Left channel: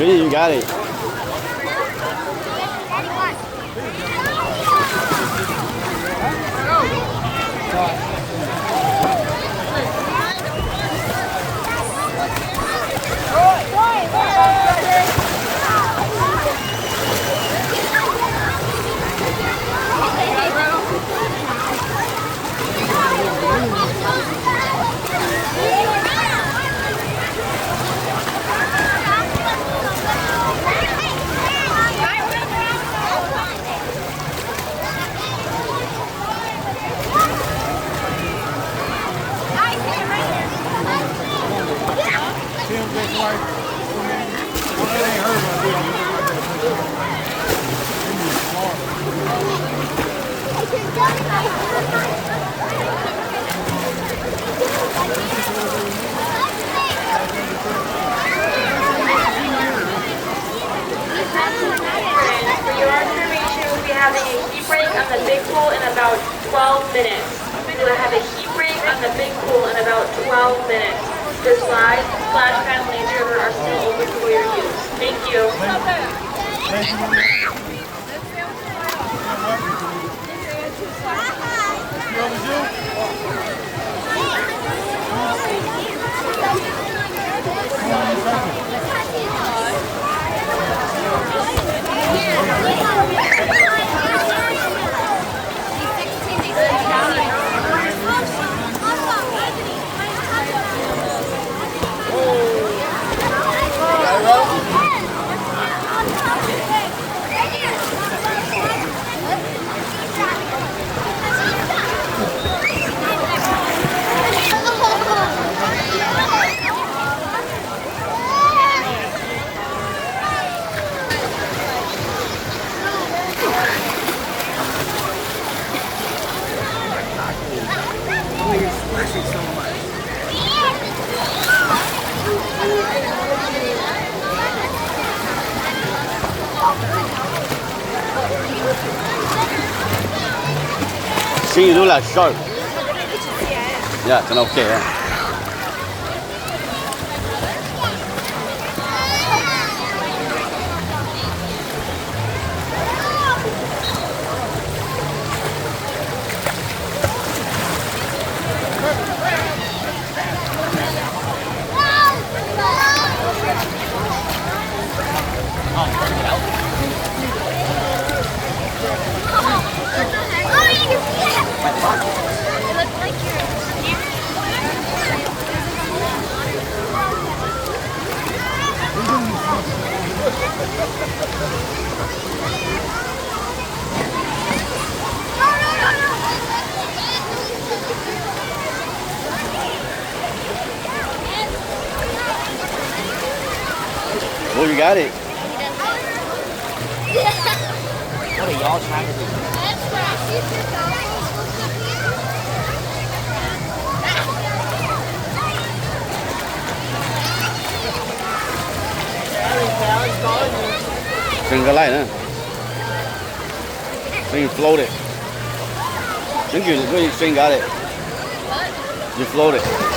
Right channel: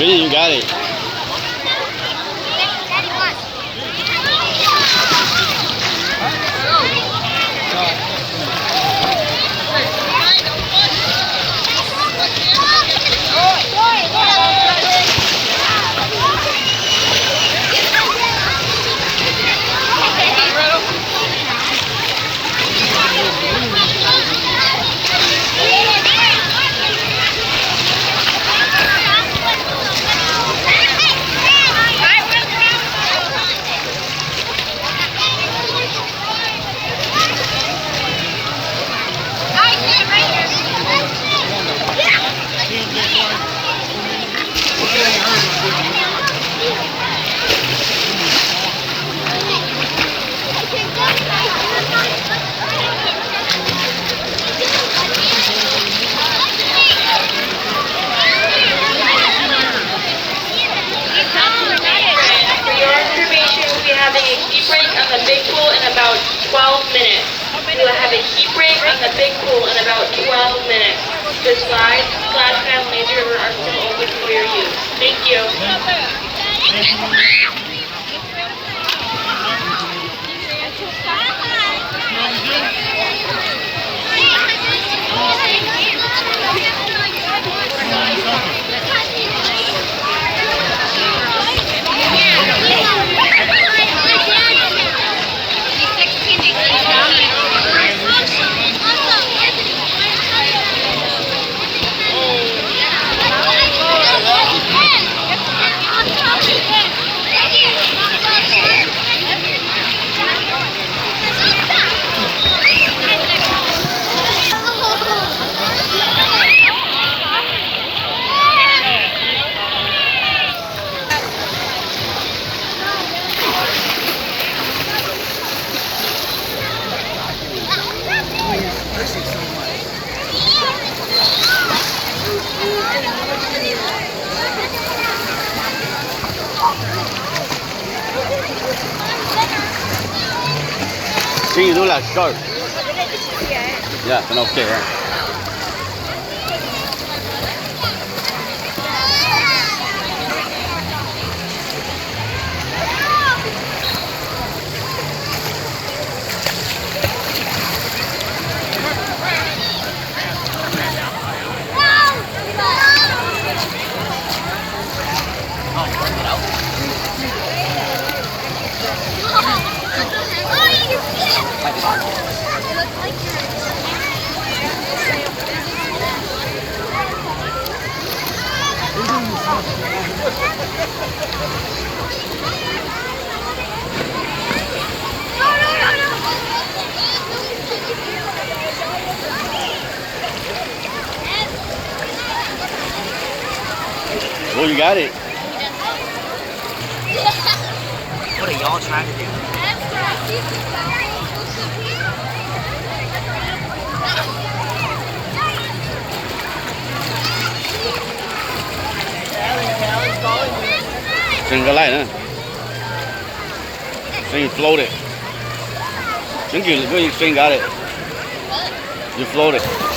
Really, you got it. On the big pool in about 12 minutes. We will have a heat break on the big pool in about 12 minutes. The slides, splash pad, laser are still open for your use. Thank See, you do like sharp. Yeah, then okay, yeah. Oh, you got it. What are y'all trying to do? Đừng có lại nữa. Then you float it. Then you got it. You float it.